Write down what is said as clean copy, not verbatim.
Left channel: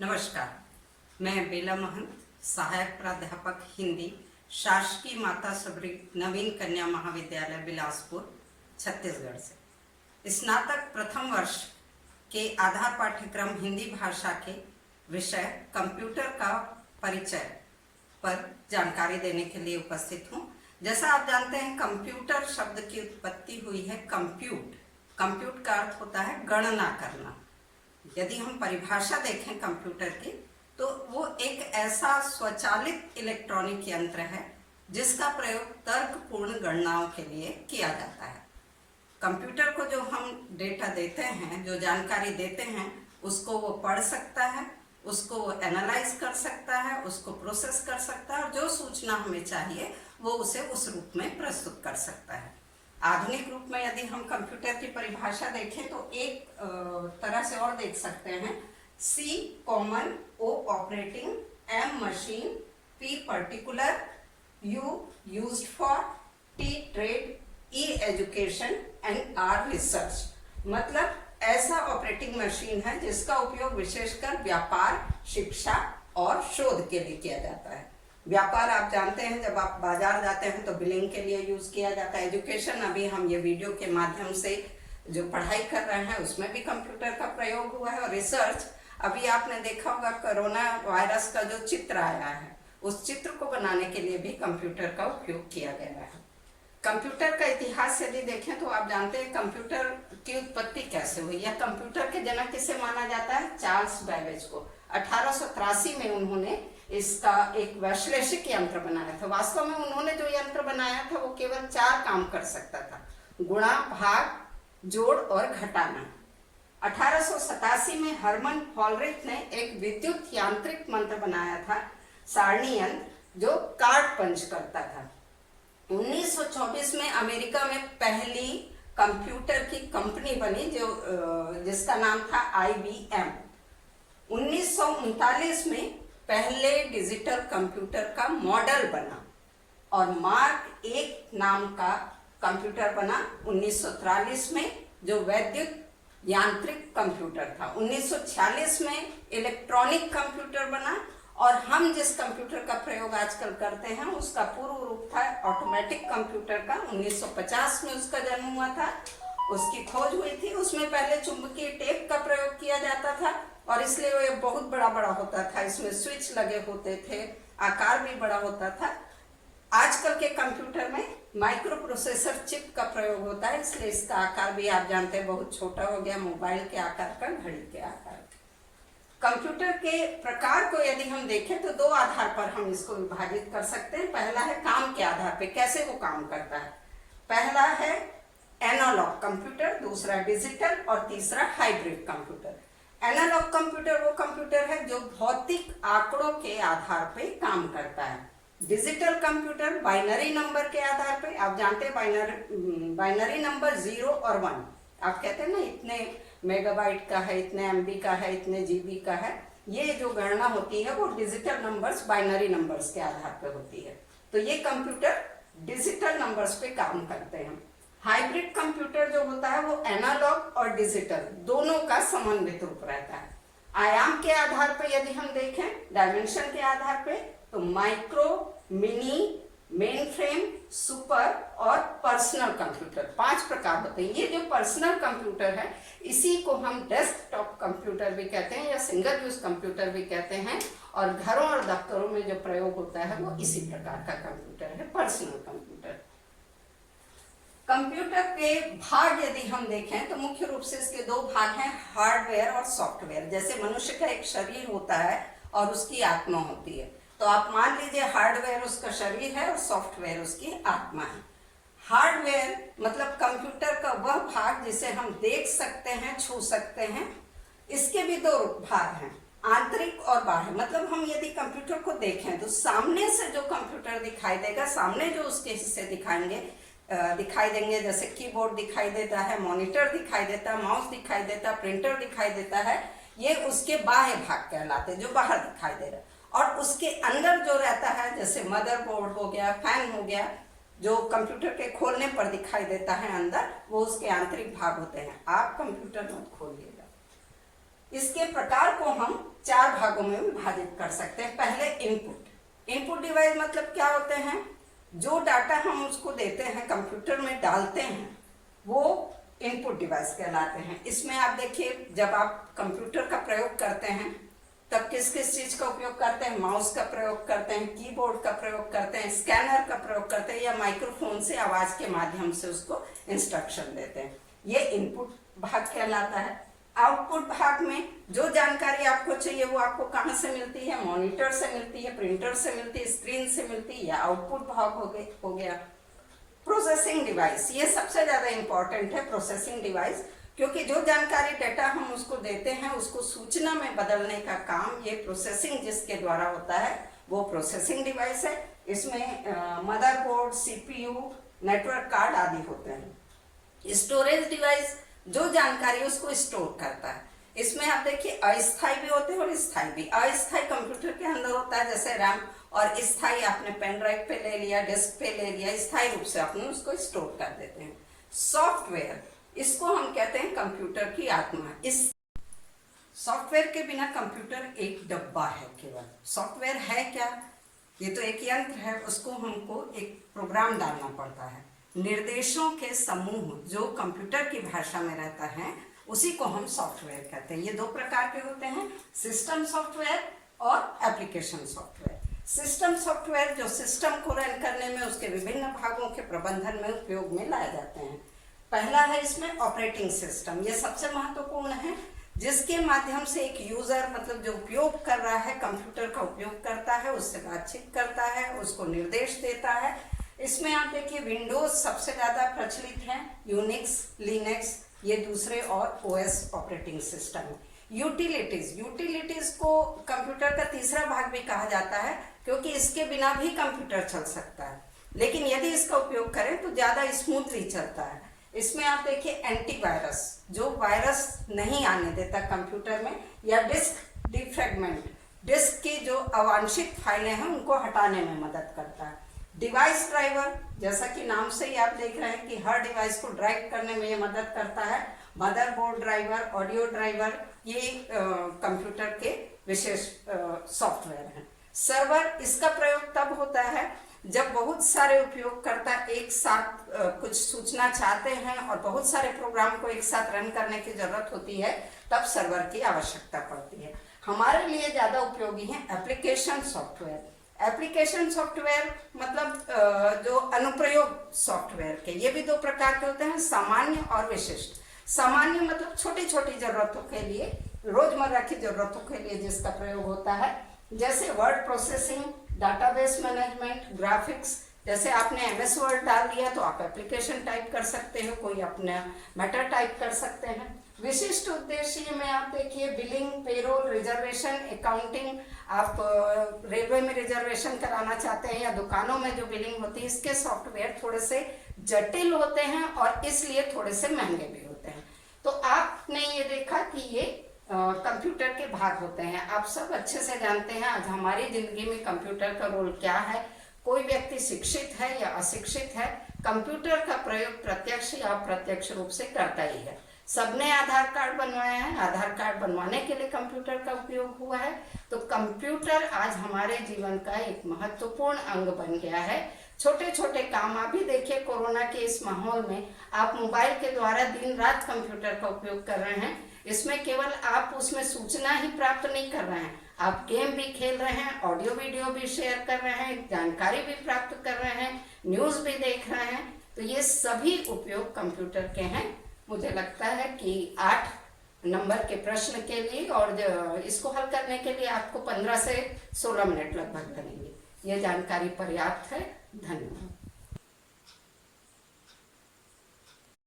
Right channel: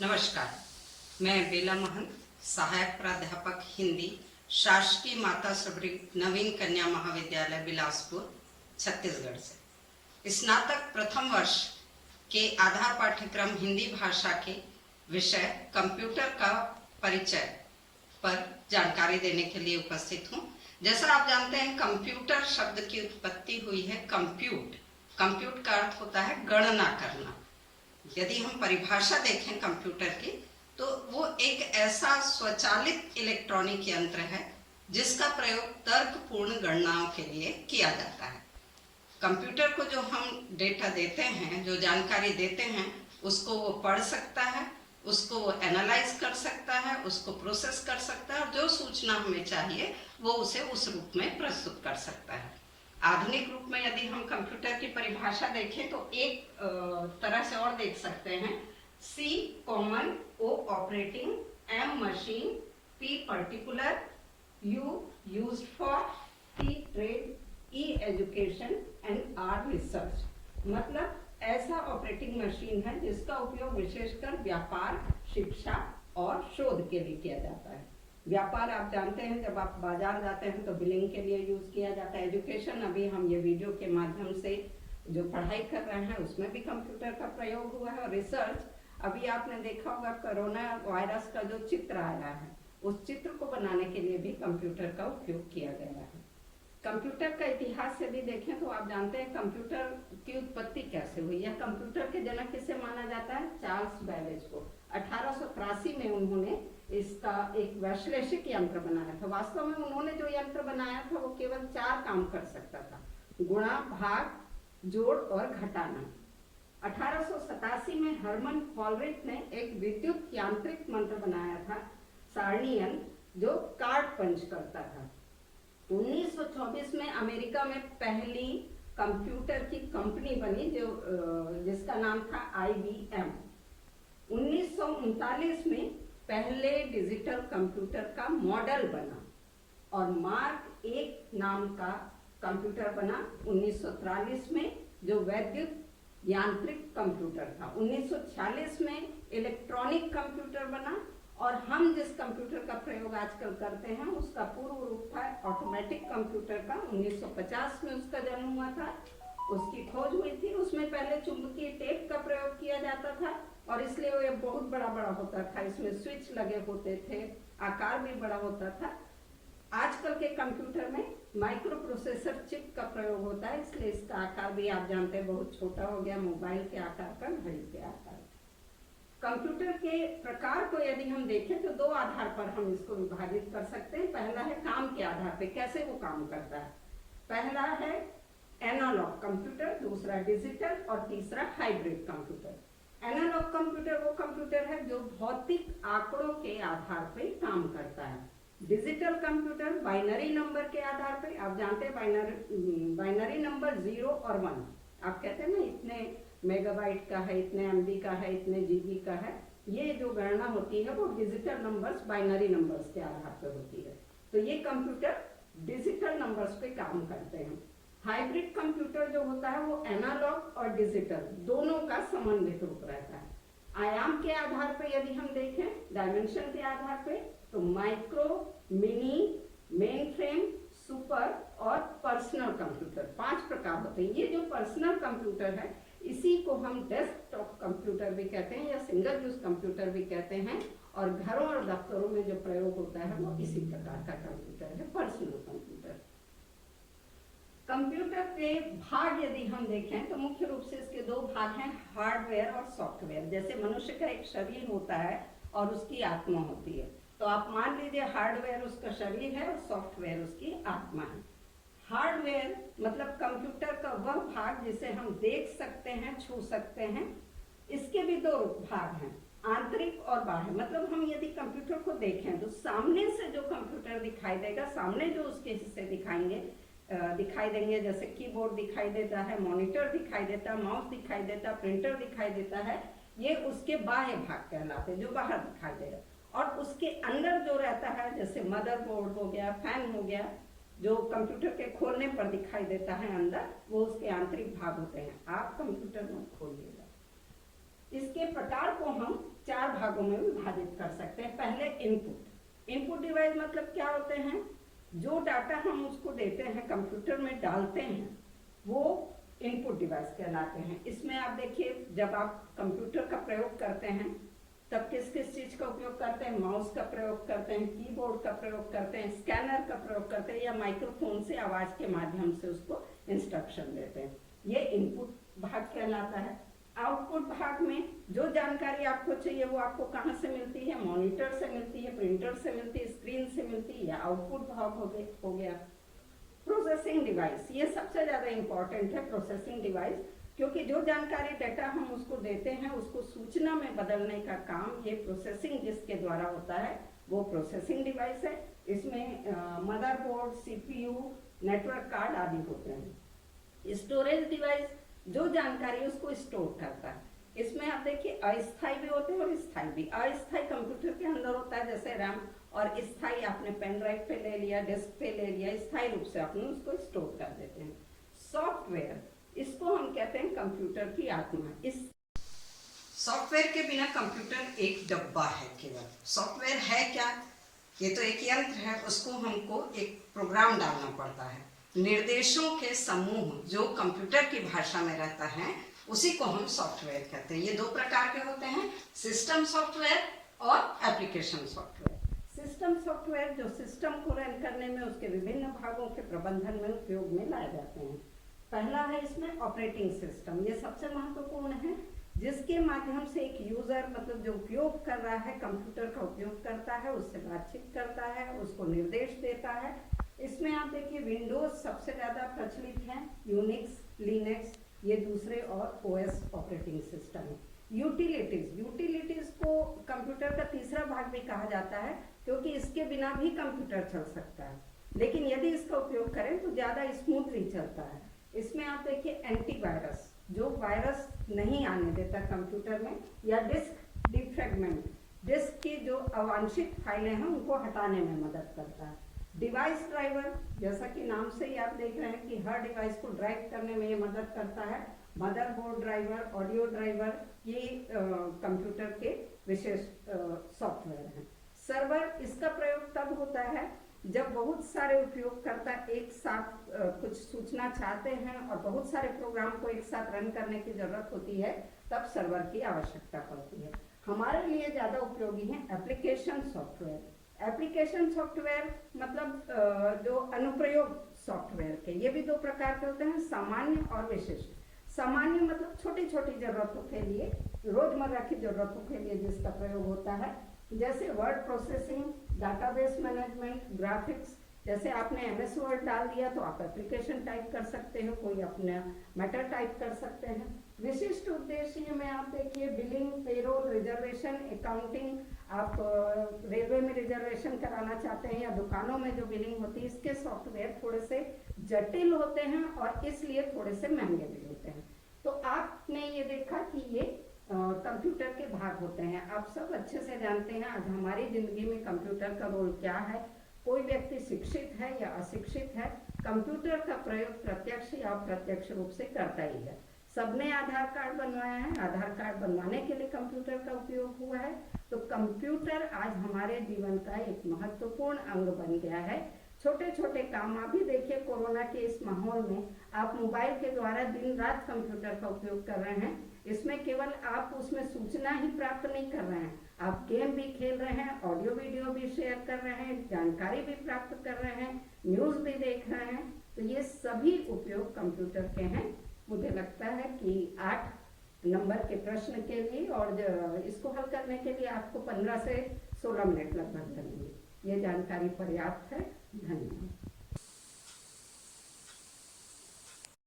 नमस्कार, मैं बेला महंत, सहायक प्राध्यापक हिंदी, शासकीय माता सबरी नवीन कन्या महाविद्यालय बिलासपुर, छत्तीसगढ़ से स्नातक प्रथम वर्ष के आधार पाठ्यक्रम हिंदी भाषा के विषय कंप्यूटर का परिचय पर जानकारी देने के लिए उपस्थित हूँ। जैसा आप जानते हैं, कंप्यूटर शब्द की उत्पत्ति हुई है कंप्यूट। कंप्यूट का अर्थ होता है गणना करना। यदि हम परिभाषा देखें कंप्यूटर की, तो वो एक ऐसा स्वचालित इलेक्ट्रॉनिक यंत्र है जिसका प्रयोग तर्कपूर्ण गणनाओं के लिए किया जाता है। कंप्यूटर को जो हम डेटा देते हैं, जो जानकारी देते हैं, उसको वो पढ़ सकता है, उसको वो एनालाइज कर सकता है, उसको प्रोसेस कर सकता है और जो सूचना हमें चाहिए वो उसे उस रूप में प्रस्तुत कर सकता है। आधुनिक रूप में यदि हम कंप्यूटर की परिभाषा देखें तो एक तरह से और देख सकते हैं। C common, O operating, M machine, P particular, U used for, T trade, E education and R research. मतलब ऐसा ऑपरेटिंग मशीन है जिसका उपयोग विशेषकर व्यापार, शिक्षा और शोध के लिए किया जाता है। व्यापार आप जानते हैं, जब आप बाजार जाते हैं तो बिलिंग के लिए यूज किया जाता है। एजुकेशन, अभी हम ये वीडियो के माध्यम से जो पढ़ाई कर रहे हैं उसमें भी कंप्यूटर का प्रयोग हुआ है। और रिसर्च, अभी आपने देखा होगा कोरोना वायरस का जो चित्र आया है, उस चित्र को बनाने के लिए भी कंप्यूटर का उपयोग किया गया है। कंप्यूटर का इतिहास यदि देखें तो आप जानते हैं कंप्यूटर की उत्पत्ति कैसे हुई या कंप्यूटर के जनक किसे माना जाता है? चार्ल्स बैबेज को। 1883 में उन्होंने इसका एक वैश्लेषिक यंत्र बनाया था। वास्तव में उन्होंने जो यंत्र बनाया था वो केवल 4 काम कर सकता था: गुणा, भाग, जोड़ और घटाना। 1887 में हरमन हॉलरिथ ने एक विद्युत यांत्रिक यंत्र बनाया था, सारणी यंत्र, जो कार्ड पंच करता था। 1924 में अमेरिका में पहली कंप्यूटर की कंपनी बनी जिसका नाम था IBM। 1939 में पहले डिजिटल कंप्यूटर का मॉडल बना और मार्क 1 नाम का कंप्यूटर बना 1943 में, जो वैद्युत यांत्रिक कंप्यूटर था। 1946 में इलेक्ट्रॉनिक कंप्यूटर बना और हम जिस कंप्यूटर का प्रयोग आजकल करते हैं उसका पूर्व रूप था ऑटोमेटिक कंप्यूटर का। 1950 में उसका जन्म हुआ था, उसकी खोज हुई थी। उसमें पहले चुंबकीय टेप का प्रयोग किया जाता था और इसलिए वो बहुत बड़ा बड़ा होता था। इसमें स्विच लगे होते थे, आकार भी बड़ा होता था। आजकल के कंप्यूटर में माइक्रो प्रोसेसर चिप का प्रयोग होता है, इसलिए इसका आकार भी आप जानते हैं बहुत छोटा हो गया, मोबाइल के आकार का, घड़ी के आकार। कंप्यूटर के प्रकार को यदि हम देखें तो 2 आधार पर हम इसको विभाजित कर सकते हैं। पहला है काम के आधार पे, कैसे वो काम करता है। पहला है एनालॉग कंप्यूटर, दूसरा डिजिटल और तीसरा हाइब्रिड कंप्यूटर। एनालॉग कंप्यूटर वो कंप्यूटर है जो भौतिक आंकड़ों के आधार पे काम करता है। डिजिटल कंप्यूटर बाइनरी नंबर के आधार पे, आप जानते हैं बाइनरी नंबर 0 और 1, आप कहते हैं ना इतने मेगाबाइट का है, इतने MB का है, इतने GB का है। ये जो गणना होती है वो डिजिटल नंबर्स, बाइनरी नंबर्स के आधार पे होती है। तो ये कंप्यूटर डिजिटल नंबर्स पे काम करते हैं। हाइब्रिड कंप्यूटर जो होता है वो एनालॉग और डिजिटल दोनों का समन्वित रूप रहता है। आयाम के आधार पे यदि हम देखें, डायमेंशन के आधार पे, तो micro, mini, main frame, super और पर्सनल कंप्यूटर 5 प्रकार होते हैं। ये जो पर्सनल कंप्यूटर है इसी को हम डेस्कटॉप कंप्यूटर भी कहते हैं या सिंगल यूज कंप्यूटर भी कहते हैं, और घरों और दफ्तरों में जो प्रयोग होता है वो इसी प्रकार का कंप्यूटर है, पर्सनल कंप्यूटर। कंप्यूटर के भाग यदि हम देखें तो मुख्य रूप से इसके 2 भाग हैं, हार्डवेयर और सॉफ्टवेयर। जैसे मनुष्य का एक शरीर होता है और उसकी आत्मा होती है, तो आप मान लीजिए हार्डवेयर उसका शरीर है और सॉफ्टवेयर उसकी आत्मा है। हार्डवेयर मतलब कंप्यूटर का वह भाग जिसे हम देख सकते हैं, छू सकते हैं। इसके भी 2 भाग हैं, आंतरिक और बाह्य। मतलब हम यदि कंप्यूटर को देखें तो सामने से जो कंप्यूटर दिखाई देगा, सामने जो उसके हिस्से दिखाई देंगे, जैसे कीबोर्ड दिखाई देता है, मॉनिटर दिखाई देता है, माउस दिखाई देता है, प्रिंटर दिखाई देता है, ये उसके बाह्य भाग कहलाते हैं, जो बाहर दिखाई दे रहा है। और उसके अंदर जो रहता है, जैसे मदरबोर्ड हो गया, फैन हो गया, जो कंप्यूटर के खोलने पर दिखाई देता है अंदर, वो उसके आंतरिक भाग होते हैं। आप कंप्यूटर मत खोलिएगा। इसके प्रकार को हम 4 भागों में विभाजित कर सकते हैं। पहले इनपुट डिवाइस मतलब क्या होते हैं, जो डाटा हम उसको देते हैं कंप्यूटर में डालते हैं वो इनपुट डिवाइस कहलाते हैं। इसमें आप देखिए, जब आप कंप्यूटर का प्रयोग करते हैं तब किस किस चीज का उपयोग करते हैं, माउस का प्रयोग करते हैं, कीबोर्ड का प्रयोग करते हैं, स्कैनर का प्रयोग करते हैं, या माइक्रोफोन से आवाज के माध्यम से उसको इंस्ट्रक्शन देते हैं। ये इनपुट भाग कहलाता है। आउटपुट भाग में जो जानकारी आपको चाहिए वो आपको कहाँ से मिलती है, मॉनिटर से मिलती है, प्रिंटर से मिलती है, स्क्रीन से मिलती है, या आउटपुट भाग हो गया। प्रोसेसिंग डिवाइस, ये सबसे ज्यादा इंपॉर्टेंट है प्रोसेसिंग डिवाइस, क्योंकि जो जानकारी डेटा हम उसको देते हैं उसको सूचना में बदलने का काम ये प्रोसेसिंग जिसके द्वारा होता है वो प्रोसेसिंग डिवाइस है। इसमें मदरबोर्ड, सीपीयू, नेटवर्क कार्ड आदि होते हैं। स्टोरेज डिवाइस जो जानकारी उसको स्टोर करता है। इसमें आप देखिए अस्थायी भी होते हैं और स्थायी भी। अस्थायी कंप्यूटर के अंदर होता है जैसे रैम, और स्थायी आपने पेन ड्राइव पे ले लिया, डिस्क पे ले लिया, स्थायी रूप से आपने उसको स्टोर कर देते हैं। सॉफ्टवेयर, इसको हम कहते हैं कंप्यूटर की आत्मा। इस सॉफ्टवेयर के बिना कंप्यूटर एक डब्बा है केवल। सॉफ्टवेयर है क्या, ये तो एक यंत्र है, उसको हमको एक प्रोग्राम डालना पड़ता है। निर्देशों के समूह जो कंप्यूटर की भाषा में रहता है उसी को हम सॉफ्टवेयर कहते हैं। ये 2 प्रकार के होते हैं, सिस्टम सॉफ्टवेयर और एप्लीकेशन सॉफ्टवेयर। सिस्टम सॉफ्टवेयर जो सिस्टम को रन करने में उसके विभिन्न भागों के प्रबंधन में उपयोग में लाए जाते हैं। पहला है इसमें ऑपरेटिंग सिस्टम, ये सबसे महत्वपूर्ण है, जिसके माध्यम से एक यूजर मतलब जो उपयोग कर रहा है कंप्यूटर का उपयोग करता है, उससे बातचीत करता है, उसको निर्देश देता है। इसमें आप देखिए विंडोज सबसे ज्यादा प्रचलित है, यूनिक्स, लिनक्स ये दूसरे, और ओएस ऑपरेटिंग सिस्टम। यूटिलिटीज को कंप्यूटर का तीसरा भाग भी कहा जाता है, क्योंकि इसके बिना भी कंप्यूटर चल सकता है, लेकिन यदि इसका उपयोग करें तो ज्यादा स्मूथली चलता है। इसमें आप देखिए एंटीवायरस, जो वायरस नहीं आने देता कंप्यूटर में, या डिस्क डिफ्रैगमेंट, डिस्क की जो अवांछित फाइलें हैं उनको हटाने में मदद करता है। डिवाइस ड्राइवर, जैसा कि नाम से ही आप देख रहे हैं कि हर डिवाइस को ड्राइव करने में ये मदद करता है। मदरबोर्ड ड्राइवर, ऑडियो ड्राइवर, ये कंप्यूटर के विशेष सॉफ्टवेयर हैं। सर्वर, इसका प्रयोग तब होता है जब बहुत सारे उपयोगकर्ता एक साथ कुछ सूचना चाहते हैं और बहुत सारे प्रोग्राम को एक साथ रन करने की जरूरत होती है, तब सर्वर की आवश्यकता पड़ती है। हमारे लिए ज्यादा उपयोगी है एप्लीकेशन सॉफ्टवेयर। एप्लीकेशन सॉफ्टवेयर मतलब जो अनुप्रयोग सॉफ्टवेयर के, ये भी 2 प्रकार के होते हैं, सामान्य और विशिष्ट। सामान्य मतलब छोटी छोटी जरूरतों के लिए, रोजमर्रा की जरूरतों के लिए जिसका प्रयोग होता है, जैसे word processing, database management, graphics. जैसे आपने MS वर्ड डाल दिया तो आप एप्लीकेशन टाइप कर सकते हो, कोई अपना मैटर टाइप कर सकते हैं। विशिष्ट उद्देश्य में आप देखिए बिलिंग, पेरोल, रिजर्वेशन, अकाउंटिंग, आप रेलवे में रिजर्वेशन कराना चाहते हैं या दुकानों में जो बिलिंग होती है, इसके सॉफ्टवेयर थोड़े से जटिल होते हैं और इसलिए थोड़े से महंगे भी होते हैं। तो आपने ये देखा कि ये कंप्यूटर के भाग होते हैं। आप सब अच्छे से जानते हैं आज हमारी जिंदगी में कंप्यूटर का रोल क्या है। कोई व्यक्ति शिक्षित है या अशिक्षित है, कंप्यूटर का प्रयोग प्रत्यक्ष या अप्रत्यक्ष रूप से करता ही है। सबने आधार कार्ड बनवाया है, आधार कार्ड बनवाने के लिए कंप्यूटर का उपयोग हुआ है। तो कंप्यूटर आज हमारे जीवन का एक महत्वपूर्ण अंग बन गया है। छोटे छोटे काम आप भी देखिए, कोरोना के इस माहौल में आप मोबाइल के द्वारा दिन रात कंप्यूटर का उपयोग कर रहे हैं। इसमें केवल आप उसमें सूचना ही प्राप्त नहीं कर रहे हैं, आप गेम भी खेल रहे हैं, ऑडियो वीडियो भी शेयर कर रहे हैं, जानकारी भी प्राप्त कर रहे हैं, न्यूज भी देख रहे हैं। तो ये सभी उपयोग कंप्यूटर के हैं। मुझे लगता है कि 8 नंबर के प्रश्न के लिए और इसको हल करने के लिए आपको 15 से 16 मिनट लगभग लगेंगे। ये जानकारी पर्याप्त है। धन्यवाद।